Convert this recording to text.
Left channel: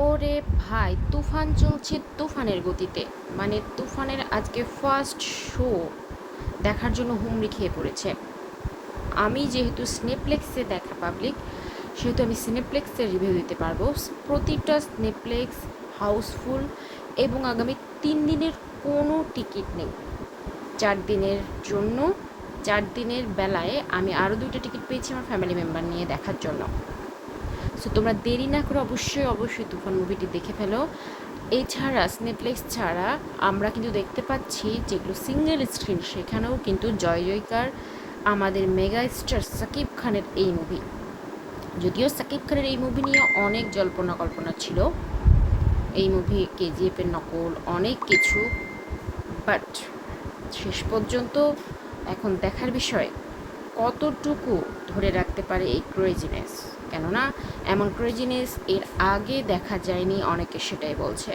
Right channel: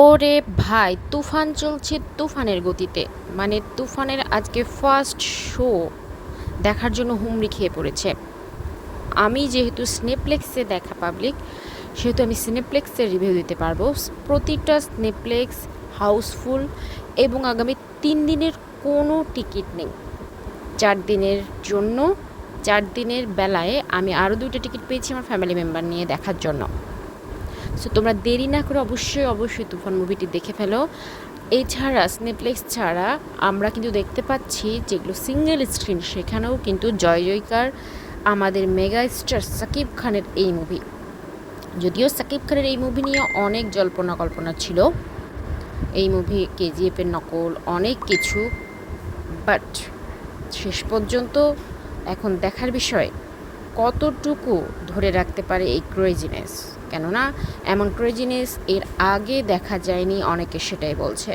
ওরে ভাই, তুফান চলছে তুফানের গতিতে। মানে তুফানের আজকে ফার্স্ট শো দেখার জন্য হুমড়ি খেয়ে পড়েছে। আমি যেহেতু সিনেপ্লেক্সে দেখা পাবলিক, সেহেতু আমি সিনেপ্লেক্সের রিভিউ দিতে পারবো। প্রতিটা সিনেপ্লেক্স হাউসফুল এবং আগামী 3 দিনের কোনো টিকিট নেই। 4 দিনের জন্য, 4 দিনের বেলায় আমি আরও 2টা টিকিট পেয়েছি আমার ফ্যামিলি মেম্বার নিয়ে দেখার জন্য। সো তোমরা দেরি না করে অবশ্যই অবশ্যই তুফান মুভিটি দেখে ফেলো। এছাড়া নেটফ্লিক্স ছাড়া আমরা কিন্তু দেখতে পাচ্ছি যেগুলো সিঙ্গেল স্ক্রিন, সেখানেও কিন্তু জয় জয়কার আমাদের মেগা স্টার সাকিব খানের এই মুভি। যদিও সাকিব খানের এই মুভি নিয়ে অনেক জল্পনা কল্পনা ছিল, এই মুভি কেজিএফের নকল অনেক কিছু, বাট শেষ পর্যন্ত এখন দেখার বিষয় কতটুকু ধরে রাখতে পারে এই ক্রেজিনেস। কেননা এমন ক্রেজিনেস এর আগে দেখা যায়নি, অনেকে সেটাই বলছে।